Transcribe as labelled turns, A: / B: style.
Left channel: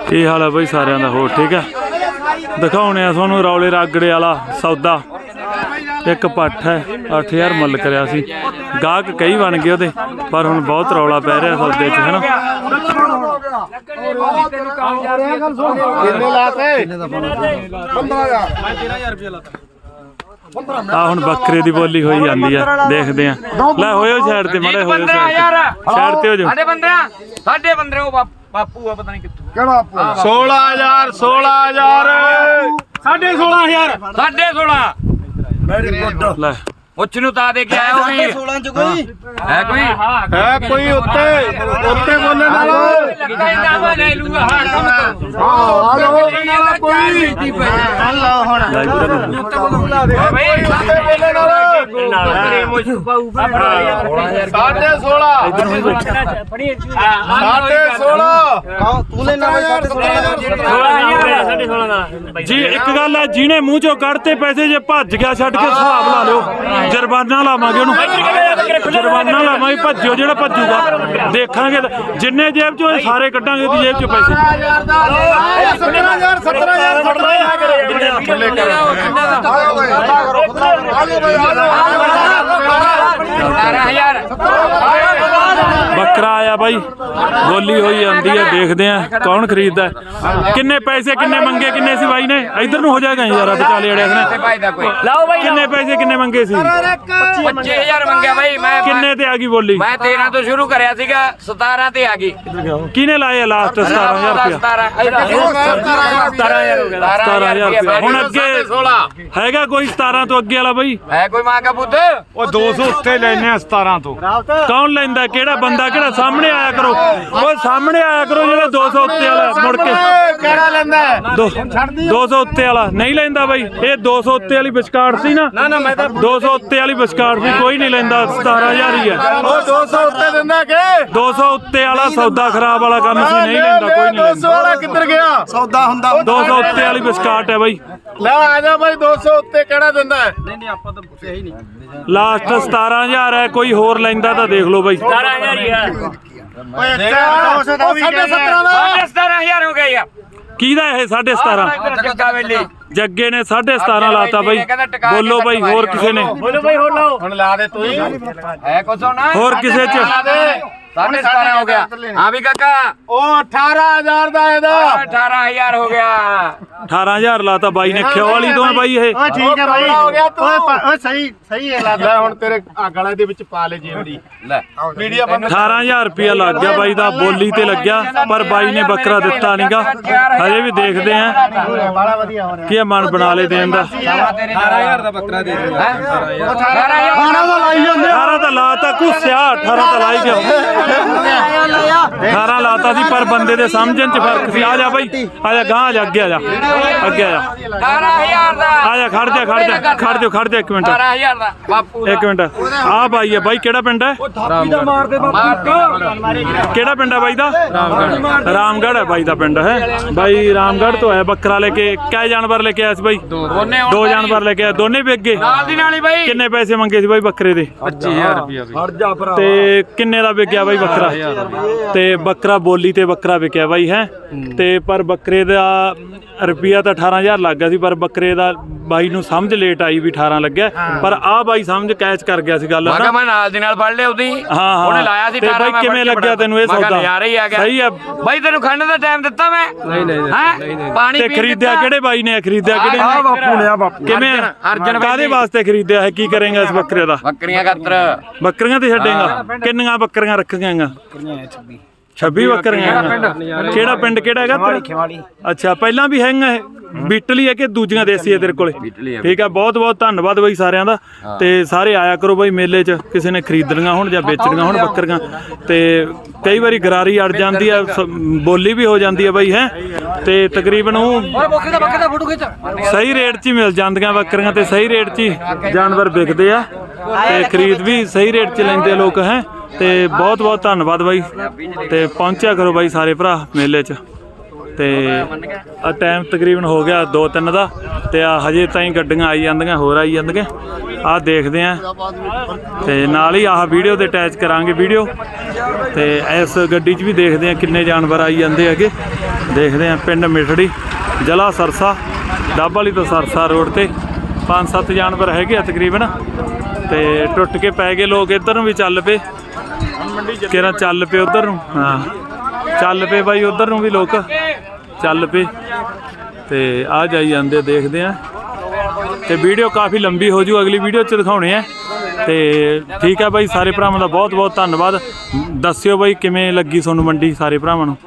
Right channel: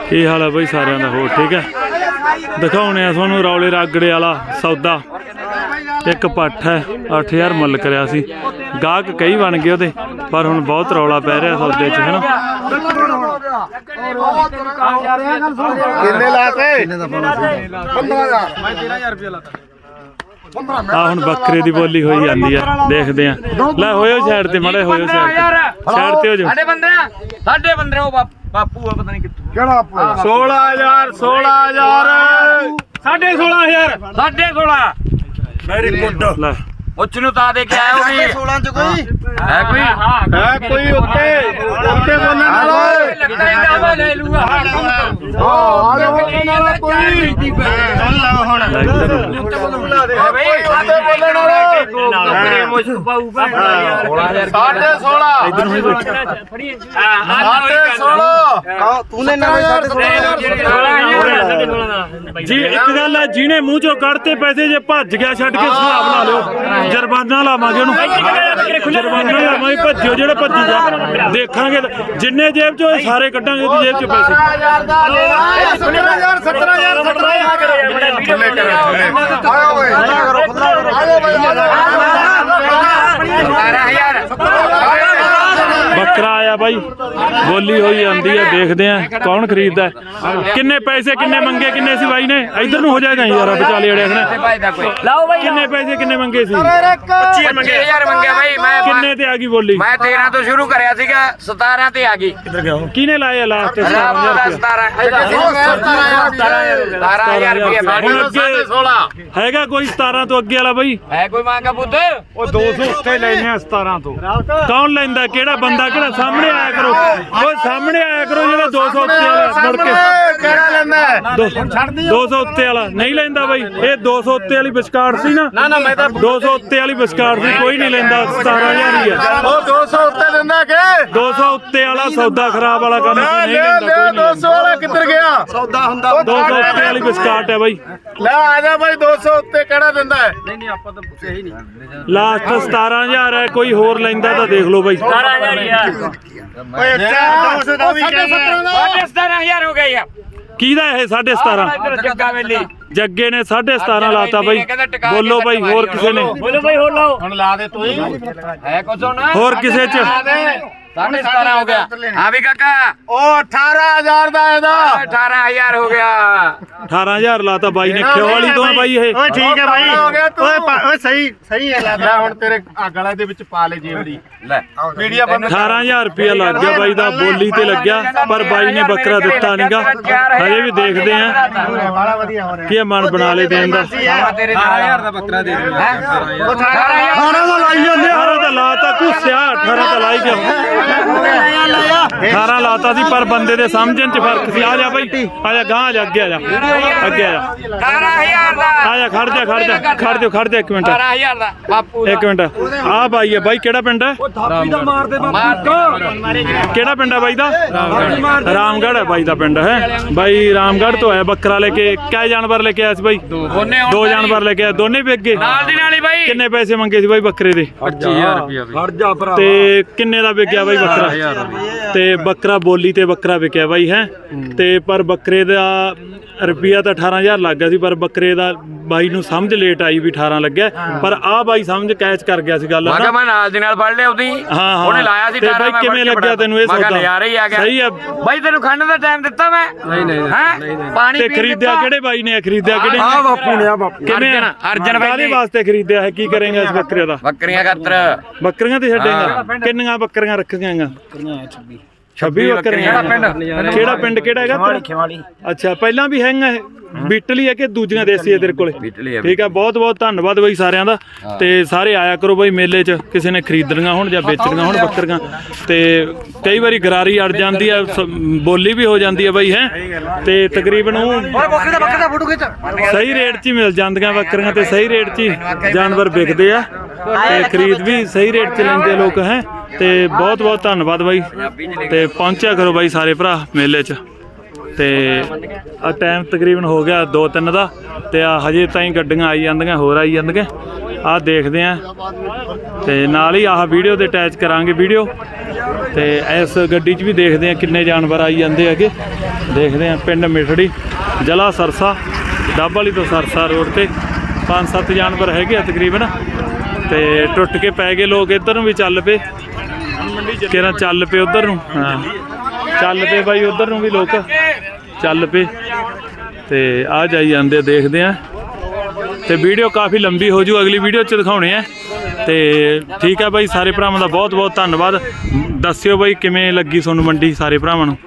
A: ਕੀ ਹਾਲ ਹੈ ਬਈ ਸਾਰਿਆਂ ਦਾ? ਹੋਰ ਠੀਕ ਹੈ। ਦਿਖਾਉਣੇ ਆ ਤੁਹਾਨੂੰ ਰੌਲੇ ਰਾਗੜੇ ਵਾਲਾ ਸੌਦਾ। ਇੱਕ ਪੱਠ ਹੈ 8000 ਮੁੱਲ ਕਰਿਆ ਸੀ। ਗਾਹਕ ਕਈ ਬਣ ਗਏ ਉਹਦੇ, ਪਰ ਹੁਣ ਬਹੁਤ ਰੌਲਾ ਪੈ ਰਿਹਾ ਸੌਦੇ 'ਚ, ਹੈ ਨਾ। ਆ ਹੁਣ ਬੱਕਰੇ ਦੀ ਬੋਲੀ ਹੋਈ ਜਾਂਦੀ ਆ, ਦੇਖਦੇ ਆ। ਲੈ ਹੋਇਓ ਸਾਈਡ ਤੇ, ਮਾੜੇ ਹੋਇਓ ਸਾਈਡ ਤੇ ਹੋ ਜਾਓ।
B: ਸਾਡੇ ਬੰਦੇ ਉਹ ਬਾਪੂ ਆ, ਪਤਾ ਨਹੀਂ ਕਿੱਥੋਂ
C: ਕਿਹੜਾ ਬਾਪੂ? 16000
B: 16,500
C: ਵੈਰੀ ਗੁੱਡ।
A: ਲੈ
B: ਉੱਚ ਨੂੰ ਤਾਂ ਦੇ ਕੇ ਆਇਆ ਹੋਈ
C: 16 ਚ ਕੋਈ
B: ਹੈ
C: ਕੋਈ ਉੱਤੇ ਬੋਲਣ ਵਾਲਾ
B: ਲੱਗਦਾ ਹੀ ਨਾ ਮੈਂ ਲੈ ਲੂਗਾ। ਹਾਂ ਕੰਮ ਕਰੋ।
C: ਆ ਲੋ ਨਾਲ ਕੋਈ
A: ਲੈ ਇੱਧਰ ਨੂੰ।
B: ਬਈ
C: ਉੱਤੇ ਬੋਲਣ ਵਾਲਾ 16
A: ਇੱਧਰ ਨੂੰ ਹੀ ਬਈ।
C: 16 ਤੂੰ ਨੇ
B: 16,000
A: ਜੀ ਇੱਕ ਗੱਲ ਹੈ, ਜਿਹਨੇ ਮੂੰਹ ਚੋਂ ਕੱਢਤੇ ਪੈਸੇ, ਜੇ ਭੱਜ ਗਿਆ ਛੱਡ ਕੇ ਹਿਸਾਬ ਲਾ ਲਿਓ, ਜੁਰਮਾਨਾ ਲਾਵਾਂਗੇ ਉਹਨੂੰ। ਜੁਰਮਾਨਾ ਲਾਵਾਂਗੇ, ਭੱਜਿਓ ਜਿਹੜਾ ਭੱਜੂਗਾ ਦੇਖਾਂਗੇ। ਜਿੰਨੇ ਜੇਬ ਚੋਂ ਸਾਰੇ ਕੱਢਾਂਗੇ ਉਹਦੀ ਜੇਬ ਚੋਂ ਪੈਸੇ।
B: 17,000
A: ਬੱਕਰਾ ਆਇਆ ਬਾਈ, ਬੋਲੀ ਹੋਈ ਜਾਂਦੀ ਹੈ, ਦੇਖਦੇ ਆ ਕੌਣ ਖਰੀਦਦਾ ਹੈ। ਕਿੰਨੇ ਪੈਸੇ ਕਿੰਨੇ ਮੰਗੇ, ਕਿੰਨੇ ਸੀ ਬਾਈ ਨੇ? ਇੱਧਰ ਨੂੰ ਹੋ ਜਾਏਗਾ ਯਾਰ, ਵਿਚਾਲੇ ਅੜਿਆ ਨੇ। ਕਿੰਨੇ ਪੈਸੇ ਕਿੰਨੇ ਮੰਗੇ ਸੀ?
B: 25,000 ਮੰਗਿਆ ਬਾਈ। ਮੈਂ
A: ਕਿੰਨੇ ਤੇ ਆ ਗਈ ਬੋਲੀ?
B: ਮੈਂ 13 ਤੋਂ ਸ਼ੁਰੂ ਕਰਿਆ ਸੀਗਾ, 17 ਤੇ ਆ ਗਈ।
A: ਕਿਹਨੇ ਲਾਇਆ ਲਾਸਟ? 17,000 ਰੁਪਇਆ।
B: 17,000 ਰੁਪਇਆ।
A: ਹੁਣ ਅੱਗੇ ਹੈਗਾ ਕੋਈ 17 ਤੋਂ ਅੱਗੇ ਵਾਲਾ ਬਾਈ?
B: ਹੈ ਕੋਈ ਮਾਂ ਕਾ ਪੁੱਤ?
C: ਉਹ 200 ਉੱਤੇ ਲੈਣੇ ਆ 17 ਤੋਂ।
A: ਕੌਣ ਲੈਂਦਾ? ਕਿਹੜਾ ਬੰਦਾ? ਕਿਹੜਾ? ਸਾਹਮਣੇ ਆਇਆ ਕਰੋ, ਉਹ ਸਾਹਮਣੇ ਆਇਆ ਕਰੋ। ਜਿਹੜਾ 200 ਉੱਤੇ ਵਾਲਾ ਮੁੜ ਕੇ
C: ਕਿਹੜਾ ਲੈਂਦਾ
A: 200 ਉੱਤੇ ਵਾਲਾ ਨਹੀਂ ਲੈਂਦਾ ਬਾਈ। ਇਹ 200 ਉੱਤੇ ਵਾਲੀ ਵਿਚਕਾਰ ਸੀ ਨਾ।
C: ਮੈਂ ਤਾਂ
A: 200 ਉੱਤੇ ਵਾਲੀ ਵਿਚਕਾਰ ਸੀ, ਕੋਈ ਨਹੀਂ ਲੈਂਦਾ। 17,000 ਹੀ ਹੈ।
C: ਉਹ 200 ਉੱਤੇ ਦਿੰਦਾ ਕਿ
A: 200 ਉੱਤੇ ਵਾਲਾ ਸੌਦਾ ਖਰਾਬ ਵਾਲਾ ਕੰਮ ਸੀ, ਨਹੀਂ ਲੈਂਦਾ ਕੋਈ ਨਹੀਂ।
C: 200 ਵਾਲਾ ਕਿੱਧਰ ਗਿਆ? ਸੌਦਾ ਹੁੰਦਾ
A: 200 ਉੱਤੇ ਵਾਲੀ ਵਿਚਕਾਟ ਹੈ ਬਾਈ।
C: ਲੈ ਆ ਜਾ ਬਾਈ, 200 ਉੱਤੇ ਕਿਹੜਾ ਦਿੰਦਾ ਹੈ?
A: ਲਾਸਟ 17,000 ਹੈ। ਕੋਈ ਹੋਰ ਲੈਂਦਾ ਤਾਂ ਦੇਖ ਲਓ ਬਾਈ।
B: 17,000 ਹੋ ਗਿਆ ਯਾਰ।
A: ਕਿਹਦਾ ਇਹ 17.5?
B: ਜੱਗਾ ਵੇਲੇ
A: ਜੱਗੇ ਨੇ 17.5 ਲਾਤਾ ਬਾਈ। ਬੋਲੋ ਬਾਈ, ਹੋਰ ਕਿਸੇ ਨੇ?
C: ਹੁਣ ਲਾ ਦੇ ਤੂੰ ਹੀ।
B: ਹੈ ਕੁਛ ਹੋਣਾ?
A: ਹੋਰ ਕਿਸੇ ਚ?
B: 17.5 ਹੋ ਗਿਆ। ਹਾਂ ਵੀ ਕਾਕਾ,
C: ਉਹ 18,000 ਦਾ ਇਹਦਾ।
B: 18,000 ਹੋ ਗਿਆ।
A: 18,000 ਲਾਤਾ ਬਾਈ ਨੇ। ਖਿਓ ਵਾਲੀ ਤੋਂ ਹੈ ਬਾਈ ਇਹ।
C: ਠੀਕ ਹੈ ਬਾਈ, ਹੋ ਗਿਆ ਤੂੰ। ਓਏ ਸਹੀ ਹੈ। ਲੈ ਹੁਣ ਤੇਰੇ ਗਲਾ ਦੇ ਵਿੱਚ ਪਾ ਲੈ ਜੇਵੜੀ।
B: ਲੈ
C: ਮੀਡੀਆ ਬੰਦ।
A: 18,000 ਰੁਪਇਆ ਲੱਗ ਗਿਆ ਬਾਈ ਦਾ, ਬੋਲੀ ਤੇ ਲੱਗਿਆ, ਪਰ ਬਾਈ ਨੇ ਬੱਕਰਾ ਦਿੱਤਾ ਨਹੀਂਗਾ। ਹਜੇ ਵੀ ਦੇਖਦੇ ਆ
C: ਬੜਾ ਵਧੀਆ ਹੋ ਰਿਹਾ।
A: ਕੀ ਮਨ ਬਣਾ ਲੇ ਦੇਣ ਦਾ।
B: 18,000 ਦਾ ਬੱਕਰਾ ਦੇ ਦੇ।
A: 18 ਤਾਂ ਲਾਤਾ ਘੁੱਸਿਆ, 18 ਤਾਂ ਲਾਈ ਗਿਆ। 18 ਲਾਤਾ ਸੀ, ਪਰ ਬੰਦੇ ਦੇ ਸਮਝਣ ਚ ਫਰਕ ਸੀ। ਆ ਜਾ ਬਾਈ, ਆ ਜਾ ਗਾਂ, ਆ ਜਾ ਅੱਗੇ, ਆ ਜਾ ਅੱਗੇ, ਆ ਜਾ
B: 18,000 ਦਾ।
A: ਆ ਜਾ। ਖੜ ਜਾ ਇੱਕ ਮਿੰਟ,
B: 18,000 ਦਾ ਬਾਪੂ।
A: ਇੱਕ ਮਿੰਟ। ਆ ਬਾਈ ਹੈ ਬਾਈ, ਕਿਹੜਾ ਪਿੰਡ ਹੈ? ਕਿਹੜਾ ਪਿੰਡ ਹੈ ਬਾਈ ਦਾ? ਰਾਮਗੜ੍ਹ ਹੈ ਬਾਈ ਦਾ ਪਿੰਡ ਹੈ। ਬਾਈ ਰਾਮਗੜ੍ਹ ਤੋਂ ਆਇਆ ਬੱਕਰਾ ਲੈ ਕੇ। ਕਿਆ ਜਾਨਵਰ ਲੈ ਕੇ ਆਇਆ ਸੀ ਬਾਈ? 2 ਜਾਨਵਰ ਲੈ ਕੇ ਆਇਆ, ਦੋਨੇ ਵਿਕ ਗਏ।
B: ਨਾਲ ਦੀ ਨਾਲ ਹੀ ਬਾਈ।
A: ਕਿੰਨੇ ਪੈਸੇ ਮੰਗੇ ਸੀ ਬਾਈ ਬੱਕਰੇ ਦੇ?
D: 25,000 ਰੁਪਇਆ।
A: ਤੇ ਕਿੰਨੇ ਦਾ ਵਿਕਿਆ ਬਾਈ ਬੱਕਰਾ? ਤੇ ਬੱਕਰਾ ਬੋਲੀ ਤੇ ਬੱਕਰਾ ਵਿਕਿਆ ਬਾਈ ਹੈ। ਤੇ ਪਰ ਬੱਕਰੇ ਦਾ ਰੁਪਿਆ ਤਾਂ 18,000 ਲੱਗ ਗਿਆ ਸੀ, ਪਰ ਬੱਕਰੇ ਦਾ ਬਾਈ ਨੂੰ ਸਮਝ ਲੇਟ ਆਈ ਵੀ 18 ਲੱਗਿਆ। ਪਰ ਆ ਬਾਈ ਸਮਝ ਕੈਚ ਕਰ ਗਿਆ ਸੀ ਗੱਲ।
B: ਮੈਂ ਕਿਹਾ ਮੈਂ ਨਾਲ ਦੀ ਨਾਲ ਫੜ ਲਿਆ ਉਹਦੀ।
A: ਹਾਂ
B: ਉਹਨੇ ਲਾਇਆ ਸੀ
A: ਤੇ ਬਾਈ ਕਿਵੇਂ ਲੱਗਿਆ ਤੈਨੂੰ ਇਹ ਸੌਦਾ?
B: ਯਾਰ ਹੀ ਆ ਗਿਆ।
A: ਸਹੀ ਆ
B: ਬਾਈ, ਤੈਨੂੰ ਖੰਡ ਦਾ ਟਾਈਮ ਦਿੱਤਾ ਮੈਂ? ਨਹੀਂ। ਪਾਣੀ
A: ਤੇ ਖਰੀਦਿਆ ਕਿਹੜੇ ਬਾਈ ਨੇ? ਖਰੀਦਿਆ ਕਿਹੜੇ?
C: ਬਾਪੂ ਨੇ ਆ ਬਾਪੂ।
A: ਕਿਵੇਂ? ਕਾਹਦੇ ਵਾਸਤੇ ਖਰੀਦਿਆ ਹੈ? ਕੀ ਕਰੇਗਾ ਇਸ ਬੱਕਰੇ ਦਾ?
B: ਬੱਕਰੀਆਂ ਖਾਤਰ।
A: ਬੱਕਰੀਆਂ ਤੇ ਛੱਡੇਗਾ? ਕਿੰਨੀਆਂ ਬੱਕਰੀਆਂ ਰੱਖੀਆਂ? 26 ਬੱਕਰੀਆਂ। ਕਿਹੜਾ ਪਿੰਡ ਕਿਹੜਾ ਹੈਗਾ?
C: ਖਿਵਾਲੀ।
A: ਅੱਛਾ, ਪਹਿਲਾਂ ਵੀ ਹੈਗਾ ਇਹ? ਬੀਟਲੀ ਹੈ ਕਿ ਦੂਜੀਆਂ ਦੇਸੀ ਹੈ ਤੇਰੇ ਕੋਲੇ? ਠੀਕ ਹੈ, ਬਹੁਤ ਬਹੁਤ ਧੰਨਵਾਦ ਬਾਈ ਸਾਰਿਆਂ ਦਾ। ਤੇ ਸਾਰੇ ਆਇਆ ਕਰੋ ਬਾਈ ਮੇਲੇ 'ਚ, ਕਿਸੇ ਨੇ ਖਰੀਦਣੀਆਂ ਹੋਣ ਜਾਂ ਵੇਚਣੀਆਂ ਹੋਣ ਬੱਕਰੀਆਂ। ਤੇ ਕਈ ਵਾਰੀ ਗਰਾਰੀ ਅੜ ਜਾਂਦੀ ਆ, ਬੋਲੀ ਵੀ ਹੋ ਜਾਂਦੀ ਹੈ ਬਾਈ ਹੈ। ਤੇ ਤਕਰੀਬਨ ਉਹ ਸਹੀ ਰੇਟ 'ਚ ਹੀ ਮਿਲ ਜਾਂਦੀਆਂ ਬੱਕਰੀਆਂ, ਤੇ ਸਹੀ ਰੇਟ 'ਚ ਹੀ ਜਾਨਵਰ ਵਿਕਦੇ ਆ, ਤੇ ਖਰੀਦ ਵੀ ਸਹੀ ਰੇਟ 'ਚ ਲੈਂਦੇ ਲੋਕ ਹੈ। ਤੇ ਬਹੁਤ ਬਹੁਤ ਧੰਨਵਾਦ ਬਾਈ। ਤੇ ਪਹੁੰਚਿਆ ਕਰੋ ਬਾਈ ਸਾਰੇ ਭਰਾ ਮੇਲੇ 'ਚ। ਤੇ ਆ ਟਾਈਮ ਤਕਰੀਬਨ ਹੋ ਗਿਆ 2-3 ਦਾ, ਤੇ ਆ ਹਜੇ ਤਾਈਂ ਗੱਡੀਆਂ ਆਈ ਜਾਂਦੀਆਂ, ਹੋਰ ਆਈ ਜਾਂਦੀਆਂ। ਆ ਦੇਖਦੇ ਆ, ਤੇ ਨਾਲ ਹੀ ਆਹ ਵੀਡੀਓ ਤੇ ਅਟੈਚ ਕਰਾਂਗੇ ਵੀਡੀਓ। ਤੇ ਇਸ ਗੱਡੀ 'ਚ ਵੀ ਦੇਖਦੇ ਆ ਕਿੰਨੇ ਜਾਨਵਰ ਆਈ ਜਾਂਦੇ ਹੈਗੇ। ਦੇਖਦੇ ਆ ਪਿੰਡ ਮਿਠੜੀ ਜ਼ਿਲ੍ਹਾ ਸਰਸਾ ਡੱਬ ਵਾਲੀ ਤੋਂ ਸਰਸਾ ਰੋਡ ਤੇ 5-7 ਜਾਨਵਰ ਹੈਗੇ ਆ ਤਕਰੀਬਨ। ਤੇ ਟੁੱਟ ਕੇ ਪੈ ਗਏ ਲੋਕ, ਇੱਧਰ ਨੂੰ ਵੀ ਚੱਲ ਪਏ ਕਿਹੜਾ ਚੱਲ ਪਏ ਉਧਰ ਨੂੰ। ਹਾਂ ਚੱਲ ਪਏ ਬਾਈ ਉਧਰ ਨੂੰ ਵੀ ਲੋਕ ਚੱਲ ਪਏ ਤੇ ਆ ਜਾਈ ਜਾਂਦੇ। ਦੇਖਦੇ ਆ ਤੇ ਵੀਡੀਓ ਕਾਫੀ ਲੰਬੀ ਹੋ ਜੂ, ਅਗਲੀ ਵੀਡੀਓ 'ਚ ਦਿਖਾਉਣੇ ਆ। ਤੇ ਠੀਕ ਹੈ ਬਾਈ, ਸਾਰੇ ਭਰਾਵਾਂ ਦਾ ਬਹੁਤ ਬਹੁਤ ਧੰਨਵਾਦ। ਦੱਸਿਓ ਬਾਈ ਕਿਵੇਂ ਲੱਗੀ ਤੁਹਾਨੂੰ ਮੰਡੀ ਸਾਰੇ ਭਰਾਵਾਂ ਨੂੰ।